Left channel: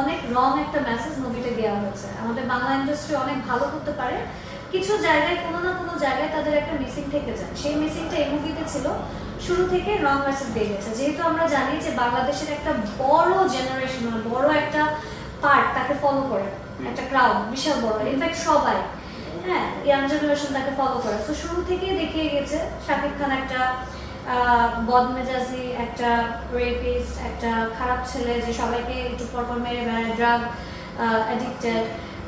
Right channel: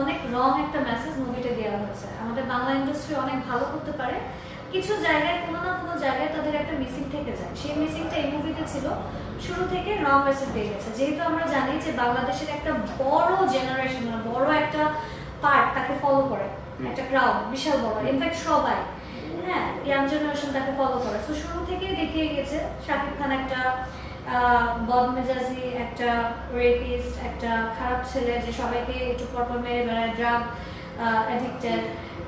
অনেক রং একটা মেসেজ মুভিতে দেওয়া হয়েছে। আমাদের বাংলা ইন্ডাস্ট্রি অনেক ভালো করতে পারে, কিছু জায়গায় কোনো না কোনো জায়গায় তাদের একটা মিসিং থেকে যায়। সেই মিসিংটা এই মুভিতে ছিল, শুরু থেকে রং মেসেজ দিয়ে গেছে। যেহেতু আমরা জানি যে বাংলাদেশের একটা বড় জেনারেশন, বড় একটা পার্ট তাকে ফলো করে, একটা ক্রাউড বিশাল বড়, ইনফ্যাক্ট সবাই, হ্যাঁ, ইয়াং জেনারেশন তাকে ফলো করে। তো শুরু থেকেই দেখিয়ে গেছে শাকিব খান একটা বদমেজাজি, একটা রেপিস্ট, একটা খারাপ ছেলে যে সবাইকে একটু পরপর মেরে বেড়ায়, ড্রাগ অ্যাডিক্টেড।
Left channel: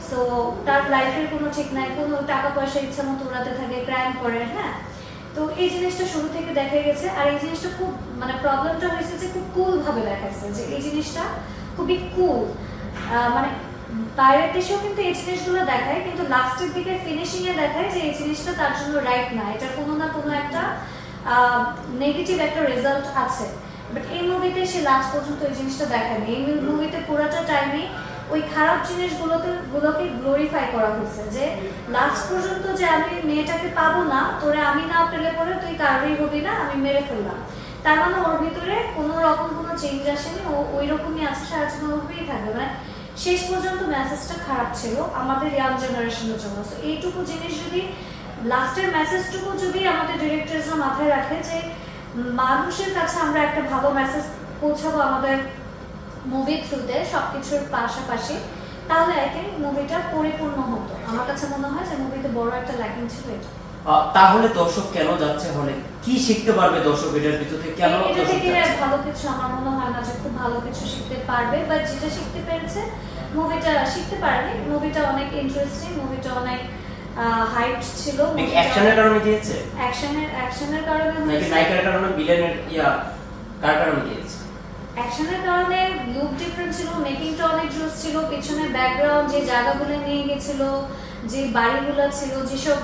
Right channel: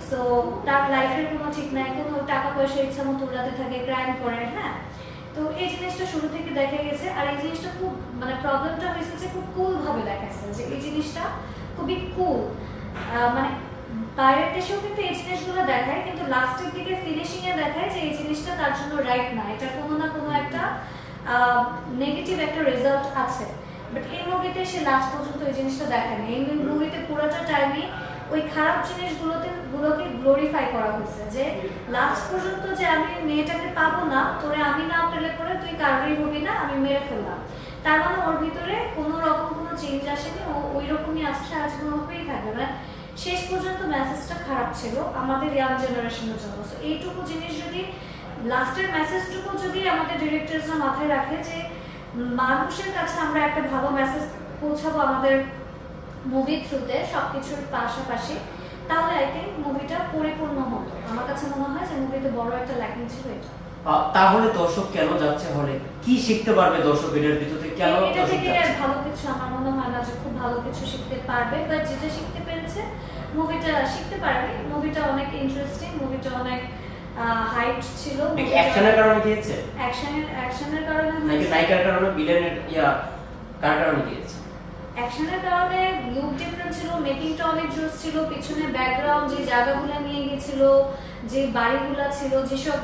সো তার লাইফের কোনো ঠিক নাই, কোনো টাকা পয়সা ইচ্ছা মতো উড়াতে থাকে, ক্রাইম করে, হ্যাঁ। তো এই জিনিসটা শুরু থেকে দেখা গেছে। আর এই জিনিসটা খুব মানে প্রবলেমটা হয়েছে যে খুব কুল ভাবে দেখাচ্ছে, যে এই জিনিসটা খুবই কুল, মানে বাইরের দেশেও কিন্তু এই জিনিসগুলো দেখায়, কিন্তু লাস্টের দিকে ফিনিশিং এ দেখায় যে এই জিনিসটা তার জন্য রাইট না, এটা কোনো না কোনো একটা নেগেটিভ একটা রেজাল্ট আছে। বাট এই মুভিতে সে লাস্ট পর্যন্ত এই জিনিসটা দেখায় না। এই মুভিতে পুরোটা টাইমে ওই খারাপ জিনিসগুলোকে গ্লোরিফাই করা হয়েছে, যে লাস্ট পর্যন্ত যে আমি মেয়েটাকে পাবো না, তোরে আমি না পেলে পরে তুই কারোরই হবি না, আমি মেরে ফেললাম। তার মানে ওর ভিতরে কোনো রকম কোনো চেঞ্জ আসেনি, ও ওই রকমই আছে, সারা জীবন ওভাবেই থাকবে। মানে শেষ পর্যন্ত মেসেজটা খারাপ ছিল আমাদের ইয়াং জেনারেশনের জন্য। তো এইটুকু জিনিস যদি, লাস্টের মেসেজটুকু যদি আমাদের ডিরেক্টরসরা মাথায় রাখে যে মানুষের কাছে আমরা একটা ভালো মেসেজ পৌঁছাবো আমাদের মুভির থ্রুতে সবকিছুর পাশাপাশি, তাহলে আই থিঙ্ক মুভিটা পরিপূর্ণ হতো। আমার কাছে মনে হয় যে মুভিতে বড় একটা ল্যাকিং ছিল এটা। তাহলে দর্শক কেন যাচ্ছে হলে? কি শিখতে পারবে দর্শক এটার ভিতরে? কেন এটা থেকে ভালো কিছু আমার মনে হয় না যে খুব ভালো কিছু শিখতে পারবে, বাট যেটা শিখতে পেরেছে মুভিটা শিখতে পারেনি। মুভিটা অনেক ইন্টারেস্টিং, মুভিটা অনেক হাইপ ছিল। অ্যাকশনের কারণে দিয়েছে, অ্যাকশনের কারণে নাকি নায়িকার কারণে, ভিলেনের কার কারণে দিয়েছে? অ্যাকশনের কারণে, লুক ডিফারেন্ট ছিল, মেকিংটা অনেক জোস ছিল, পিছনে ব্যাকগ্রাউন্ড যে জায়গাগুলো নিয়ে গেছিল, যে বাড়িগুলো ছিল, যেসব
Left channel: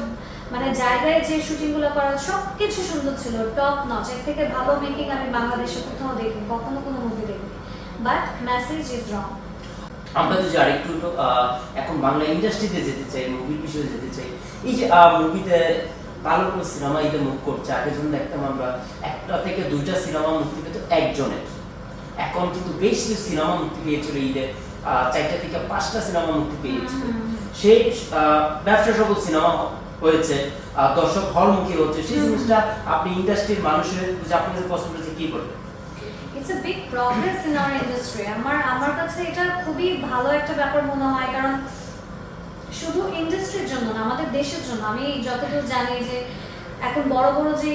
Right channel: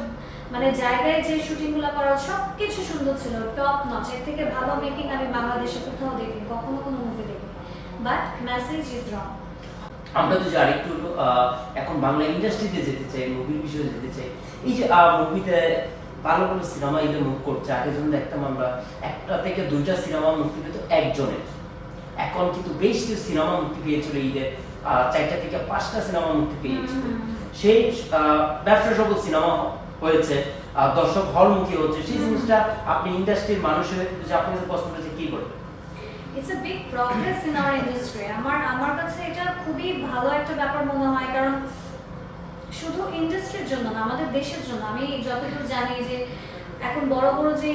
মানে জায়গায় যে শুটিংগুলো করা, সবকিছু সুন্দর ছিল, টপ নচ। এর থেকে ভালো মেকিং আমি বাংলাদেশে কোথাও দেখিনি, কখনো কোনো মুভি দেখিনি। But message is wrong. আমরা যদি আরেকটু এখন বাংলা ইন্ডাস্ট্রিতে যেতে চাই, মুভির বিষয়ে যেতে চাই, এই যে মুভিতে ভালো কোনো সিনেমা এটা মুভ করছে, আগে যখন দেখতাম আমরা একটা থেকে দুইটা সিনেমা মুক্তি পেত একজনের, এখন কিন্তু বেশ কিছু সিনেমা মুক্তি পেয়েছিল ঈদে, 4টা থেকে 5টা সিনেমা মুক্তি পেয়েছিল। সেই ব্যবসা সফল সিনেমা হয়েছে, দর্শক হলমুখী হচ্ছে। সেই জিনিসটা আপনি ইন্ডাস্ট্রির মানুষের যে আপনাদের পছন্দ হচ্ছে কি করবে? It's a big progress in our industry. আমার কাছে এটা খুবই ভালো একটা ব্যাপার মনে হয়, কারণ শুধু ইন্ডাস্ট্রির জন্য না, আমাদের দেশের জন্য। আমি যতদূর জানি যে এখন বড় বড় যে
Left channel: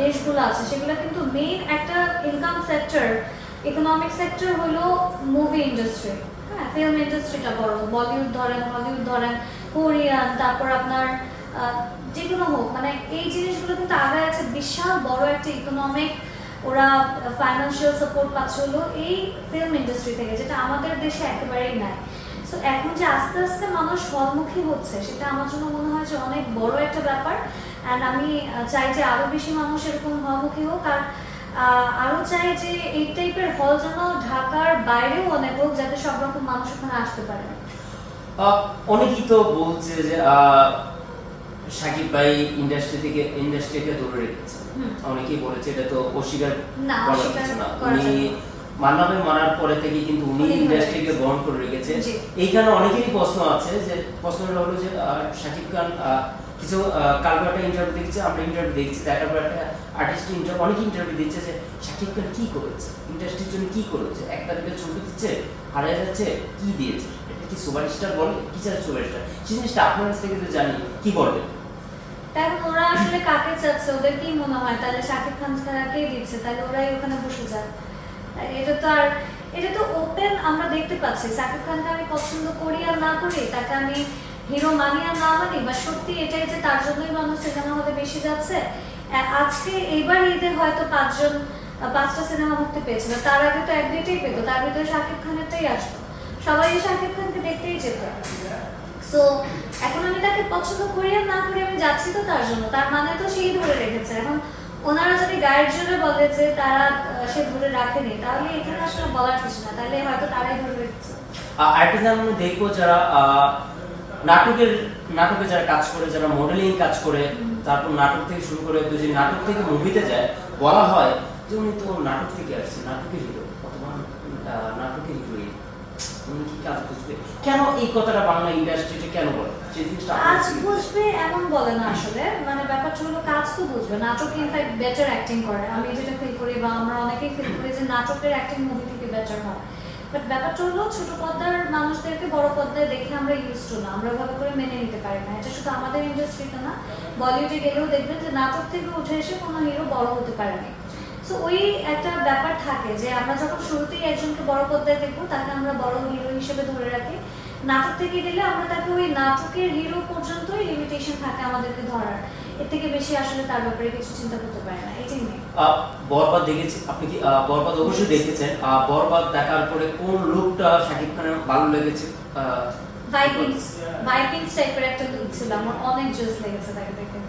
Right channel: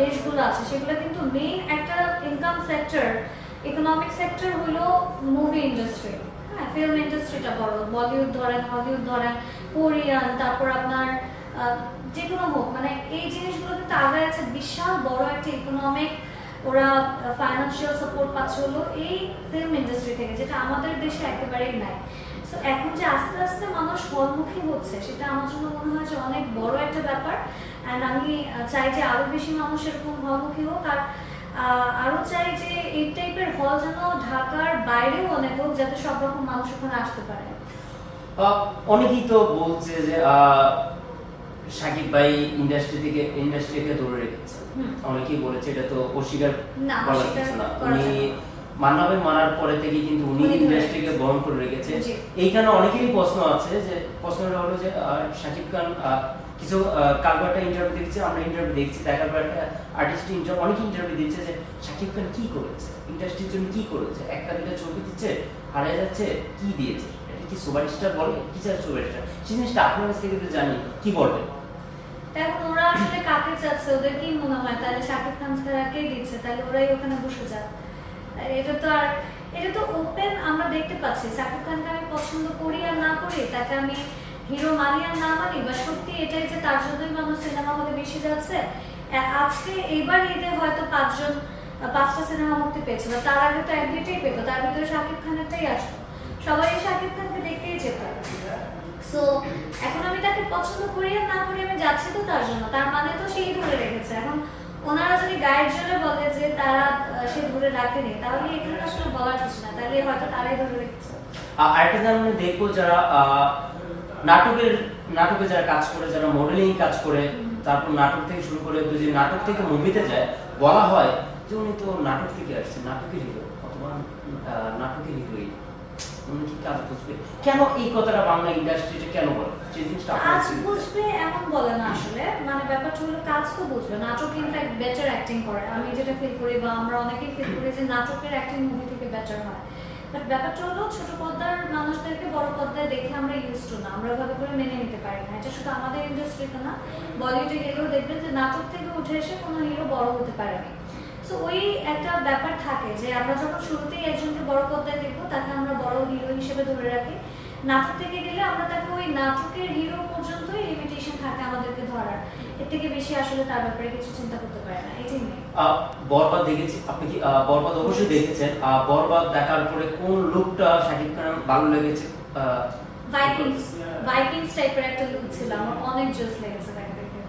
দেশগুলো আছে সেগুলো কিন্তু মেইন একটা ইনকাম সেক্টর, ইকোনমিক সেক্টর হলো মুভি ইন্ডাস্ট্রি, হ্যাঁ, ফিল্ম ইন্ডাস্ট্রিটা বড়। বলিউড ধরেন, হলিউড ধরেন, কোরিয়ান, তারপর আপনার যে কোনো হোক, মানে এই জিনিসগুলো কিন্তু আগে আছে, বিশাল বড় একটা ইকোনমিক, ওরা ফাইন্যান্সিয়াল সাপোর্ট পাচ্ছে হলো এই ফিল্ম ইন্ডাস্ট্রি থেকে, যেটা আমাদের দেশে একেবারেই নাই। সো এখন যে আস্তে আস্তে মানুষ হলমুখী হচ্ছে, সেটা আমার জন্য মনে হয় যে অনেক বড় একটা ব্যাপার। অ্যান্ড আমি চাই যে আরো বেশি মানুষ এরকম হলমুখী হোক, আর আরো চাই যে এই টাইপের হল যেন ঢাকার বাইরেও অনেক হোক, যাতে সব রকম মানুষ ওখানে আসতে পারে। অনেকেই তো বলছে যে শাকিব ভাই ইন্ডাস্ট্রিকে ধরে রেখেছে, অনেকেই বলেছে, এটা তো অস্বীকার করার কিছু না। উনি মান্না ভাই মারার পরে থেকে কিন্তু উনি ইন্ডাস্ট্রিকে বহন করে রেখেছে। এইখানে অনেকেরই প্রশ্ন আছে, যে প্রশ্নটা হলো যে শাকিব খান কিছু কালকে একটা ইন্টারভিউ দেখছি, আমরা ইন্টারভিউ দেখছি, দেখার পর একটা আর্টিস্ট অনেক ইন্টারভিউ দিচ্ছে যে শাকিব খান কি করেছে, ইন্ডাস্ট্রির জন্য কি করেছে, একটা দুটো ছবি দিচ্ছে, হারিয়ে যাচ্ছে, কি দিয়েছে, এটা কি সুপারস্টার বলে, কি চায় সুপারস্টার? সেই জিনিসটা আপনার কাছ থেকে তো জানি, কি বলবেন? তাহলে ওরা আসলে কাকে চাচ্ছে, ওদের কি মনে হয় তাহলে শাকিব খান কাকেই দিচ্ছে, তাহলে ওরাই ওখানে বসে যায়? এটা তো ওপেন আমরা দেখতে পাচ্ছি। শাকিব খানকে আমি পছন্দ করি আর না করি, তাকে আমি হিরো মানি আর না মানি, বা সত্যি এটাই যে তার জন্যই মানুষ সিনেমা হলে বেশি যাচ্ছে। আজকে এইবার ঈদে হয়তো 5টা সিনেমা মুক্তি পেয়েছিল, তার আগে তো 1-2টাই পেতো, তার ভিতরে শাকিব খানেরটাই আসতো, সবাই শাকিব খানকে দেখতেই যেত। সো এখন আমি তাকে পছন্দ করি আর না করি, আমি যাচ্ছি তো তার জন্য, তার মানে তো সেই ধরে রেখেছে। এখন ওনারা যদি গাইড জোরে বলে যে তারা সে ধরে রাখেনি, তাহলে এখানে আসলে বলার কিছু না, তাহলে হয়তো তারাই ধরে রেখেছে। আরেকটা আমরা দেখবো যারা নাটকে যারা কাজ করে, যারা মডেলিং কাজ করে, তারপর নাটক থেকে শুরু করে যদি নাটক থেকে মুভিতে যায়, বলা হয় যে উনি তো নাটক থেকে আসছে, নাটকের হিরো অথবা নাটকের হিরোইন। উনি কি কাজ বুঝবে, কেন এই কথাটা বাংলা ইন্ডাস্ট্রিতে কেন বলে সেই জিনিসটা কাজ বুঝবে এমন বলে না আসলে, মানে ব্যাপারটা হলো কাজ তো বুঝবে, নাটকে ইনফ্যাক্ট বেটার অ্যাক্টিং করে, আমি যেটা ফিল করি বা আমরা অনেকেই ফিল করি যে নাটকের অ্যাক্টিং মুভি থেকে বেটার হয়। বাট ব্যাপারটা হলো ছোট পর্দার মানুষদেরকে বড় পর্দায় দেখে আমরা ইউজ টু না, আমরা ওইভাবে করে মেনে নিতে পারি না। এটা শুধু আমাদের ইন্ডাস্ট্রিতে না, বলিউডে গেলেও দেখবেন যে নাটক থেকে উঠে এসে কোনো হিরো বড় হতে পারেনি। সো ওই একটা ব্যাপার থাকে যে আমরা যখন শুরুতেই একজনকে বড় পর্দায় দেখবো তাকে আমরা বড় হিরো হিসেবে ধরে রাখি, নাটক থেকে গেলে আমরা তাকে ওই নাটকের হিরো পর্যন্তই লিমিটেশন থাকে আমাদেরকে ধরার, এর থেকে বেশি আসলে তার ব্যাপারে কিছু চিন্তা করতে পারে না। এটাই বরবাদ দেখেছি, আপনি কি বরবাদ অবশ্যই দেখেছেন, বরবাদ দেখার পরে কোন লুকটা শাকিব খানের ভালো লেগেছে? ভাইকিংস টাইপের একটা লুক ছিল, আমার অনেক জোস লেগেছে তাকে দেখে।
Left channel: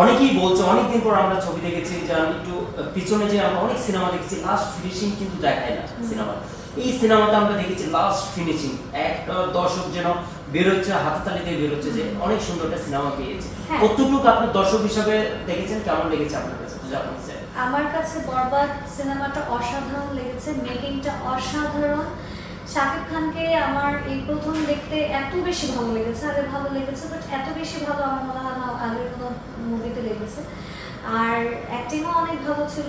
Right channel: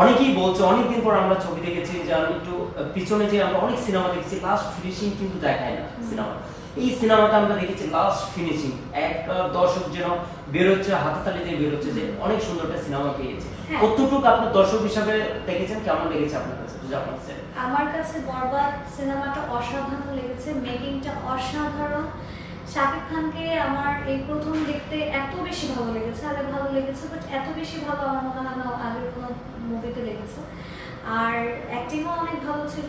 অনেকেই বলছে, অনেকদিন পর আমরা ছবি দেখেছি যে আমি একটু পিছনে যে আমরা অনেক সিনেমা দেখেছি লাস্ট ফিনিশিং কিন্তু দেখায় না সিনেমা, এই সিনেমাতে আমরা দেখেছি লাস্ট ফিনিশিং, একটা দর্শক যেন বেরোচ্ছে হাততালি দিয়ে বেরোচ্ছে যে অনেক সুন্দর একটা সিনেমা পেয়েছে। কতটুকু আপনার দর্শক হিসাবে দেখেছেন, কেমন লেগেছে আপনার কাছে? আমার কাছে বরবাদ সিনেমাটা অসাধারণ লেগেছে, মেকিংটা অসাধারণ। শাকিব খানকে আমার এই প্রথম দেখতে এত বেশি ভালো লেগেছে, আগে ভালো লেগেছে বাট এত বেশি ভালো আমার মনে হয় না আগের কোনো মুভিতে লেগেছে। আর অ্যাক্টিংও অনেক ভালো ছিল,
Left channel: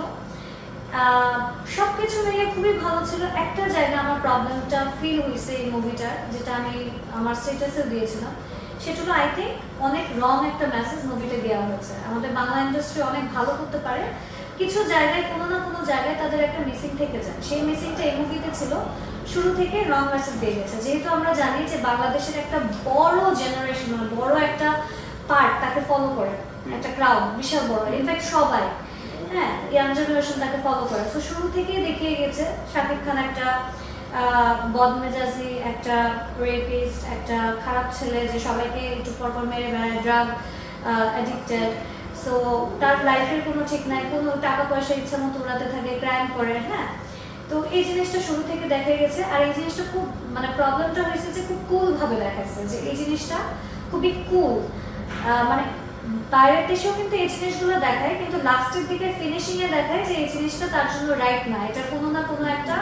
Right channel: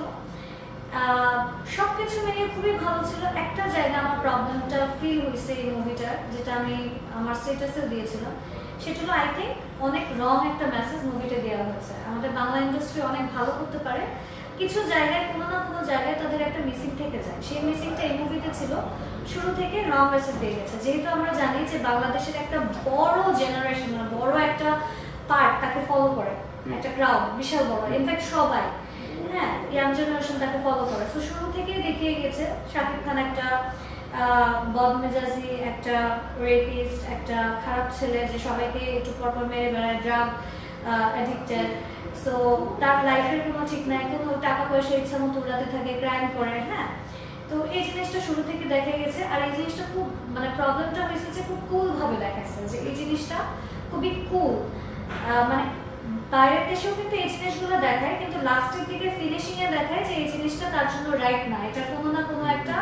সবকিছু মিলিয়ে খুবই ভালো ছিল। একটা জায়গায় আমার প্রবলেমটা ফিল হয়েছে এই মুভিটার, যেটা আমি আমার স্ট্যাটাসেও দিয়েছিলাম, সেটা হলো আই থিঙ্ক অনেক রং একটা মেসেজ মুভিটা দেওয়া হয়েছে। আমাদের বাংলা ইন্ডাস্ট্রি অনেক ভালো করতে পারে, কিছু জায়গায় কোনো না কোনো জায়গায় তাদের একটা মিসিং থেকে যায়, সেই মিসিংটা এই মুভিতে ছিল। শুরু থেকে রং মেসেজ দিয়ে গেছে, যেহেতু আমরা জানি যে বাংলাদেশের একটা বড় জেনারেশন, বড় একটা পার্ট তাকে ফলো করে, একটা ক্রাউড বিশাল বড়, ইনফ্যাক্ট সবাই, হ্যাঁ, ইয়াং জেনারেশন তাকে ফলো করে। তো শুরু থেকেই দেখিয়ে গেছে শাকিব খান একটা বদমেজাজি, একটা রেপিস্ট, একটা খারাপ ছেলে যে সবাইকে একটু পরপর মেরে বেড়ায়, ড্রাগ অ্যাডিক্টেড। সো তার লাইফের কোনো ঠিক নাই, কোনো টাকা পয়সা ইচ্ছা মতো উড়াতে থাকে, ক্রাইম করে, হ্যাঁ। তো এই জিনিসটা শুরু থেকে দেখা গেছে, আর এই জিনিসটা খুব মানে প্রবলেমটা হয়েছে যে খুব কুল ভাবে দেখাচ্ছে, যে এই জিনিসটা খুবই কুল, মানে বাইরের দেশেও কিন্তু এই জিনিসগুলো দেখায়, কিন্তু লাস্টের দিকে ফিনিশিং এ দেখায় যে এই জিনিসটা তার জন্য রাইট না, এটা কোনো না কোনো একটা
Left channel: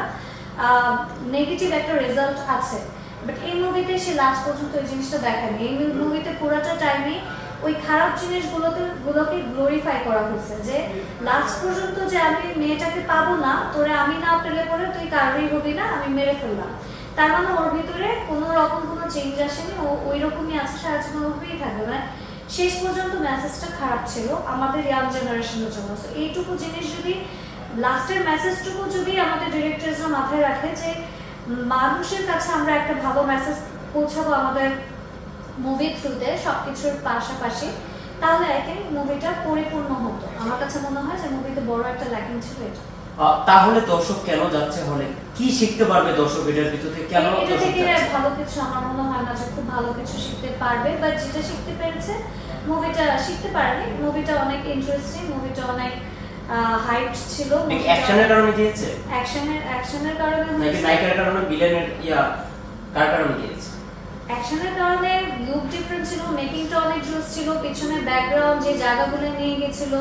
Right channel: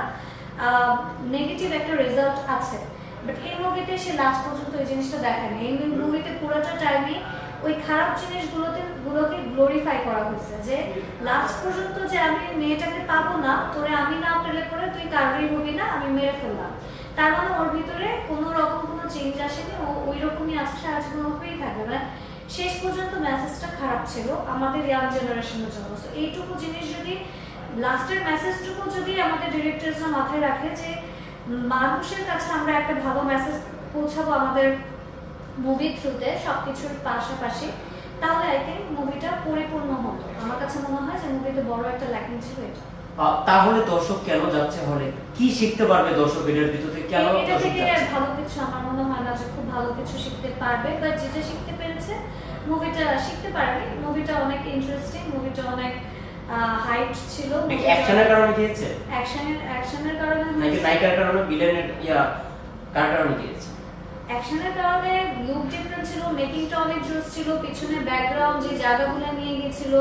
নেগেটিভ একটা রেজাল্ট আছে। বাট এই মুভিতে সে লাস্ট পর্যন্ত ওই জিনিসটা দেখায়নি। এই মুভিতে পুরোটা টাইমে ওই খারাপ জিনিসগুলোকে গ্লোরিফাই করা হয়েছে, যে লাস্ট পর্যন্ত যে আমি মেয়েটাকে পাবো না, তোরে আমি না পেলে পরে তুই কারোরই হবি না, আমি মেরে ফেললাম। তার মানে ওর ভিতরে কোনো রকম কোনো চেঞ্জ আসেনি, ও ওই রকমই আছে, সারা জীবন ওভাবেই থাকবে। মানে শেষ পর্যন্ত মেসেজটা খারাপ ছিল আমাদের ইয়াং জেনারেশনের জন্য। তো এইটুকু জিনিস যদি, লাস্টের মেসেজটুকু যদি আমাদের ডিরেক্টররা মাথায় রাখে যে মানুষের কাছে আমরা একটা ভালো মেসেজ পৌঁছাবো আমাদের মুভির থ্রুতে সবকিছুর পাশাপাশি, তাহলে আই থিঙ্ক মুভিটা পরিপূর্ণ হতো। আমার কাছে মনে হয় যে মুভিতে বড় একটা ল্যাকিং ছিল এটা। তাহলে দর্শক কেন যাচ্ছে হলে, কি শিখতে পারবে দর্শক এটার ভিতরে, কেন এটা থেকে ভালো কিছু আমার মনে হয় না যে খুব ভালো কিছু শিখতে পারবে, বাট যেটা শিখতে পেরেছে মুভিটা শিখতে পারেনি। মুভিটা অনেক ইন্টারেস্টিং, মুভিটা অনেক হাইপ ছিল। অ্যাকশনের কারণে গিয়েছে, অ্যাকশনের কারণে নাকি নায়িকার কারণে, ভিলেনের কার কারণে গিয়েছে? অ্যাকশনের কারণে, লুক ডিফারেন্ট ছিল, মেকিংটা অনেক জোস ছিল, পিছনে ব্যাকগ্রাউন্ড যে জায়গাগুলো নিয়ে গেছিল,